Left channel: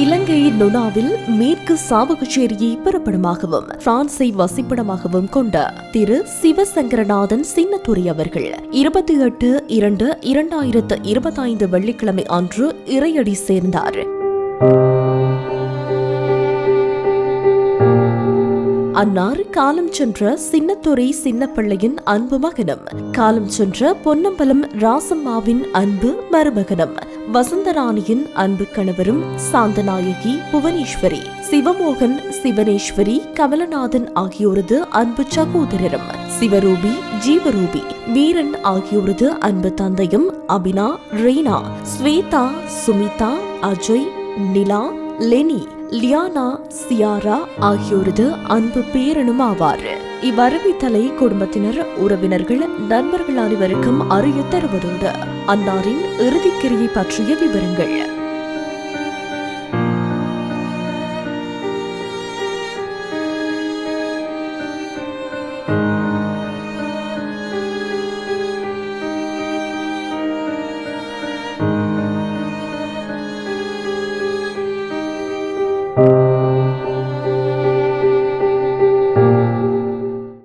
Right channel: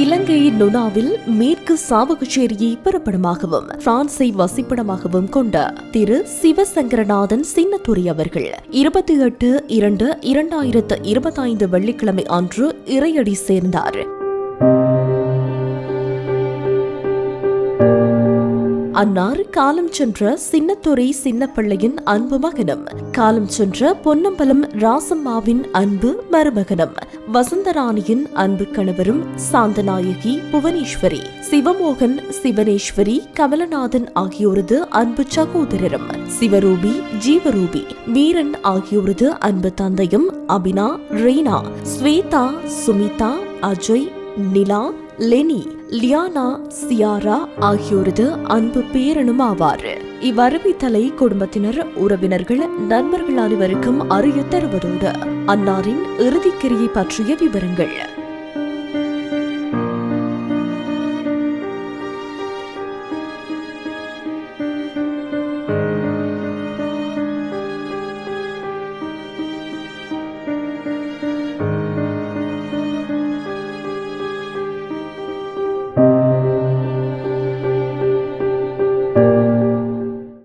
இலங்கை நுனாவில் மேற்கு சாவகச்சேரியை பிறப்பிடமாகவும் பிரான்சை வசிப்பிடமாகவும் கொண்ட திரு சிவசங்கரநாதன் சின்னத்துரை அவர்கள் 28/2/2025 வெள்ளிக்கிழமை அன்று இறையடி சேர்ந்தார். அன்னார் காலம் சென்ற சின்னத்துரை சின்னப்பிள்ளையின் அன்பு மகனும், காலம் சென்ற பொன்னம்பலம் ராசம்மாவின் அன்பு மருமகனும், வசந்தராணியின் அன்பு கணவரும், சாந்தநாயகி புவனேஸ்வரி, சிவமோகன் சிவனேஸ்வரி கமலநாதன் ஆகியோரது அன்பு சகோதரரும், சிவரூபி ஜீவரூபி வீரன் ஆகியோரது அன்பு தந்தையும், அபினா ரீனா ஸ்வேதா சுமிதா அஜய் நிலா லெனி லியானா சியாரா ஆகியோரது அன்பு பேரனும் ஆவார். இவ்வறிவித்தலை குடும்பத்தினர், உறவினர்கள், நண்பர்கள் அனைவருக்கும் அறிய தருவதோடு அன்னாரின் இறுதிக்கிரியை பற்றிய விவரங்கள்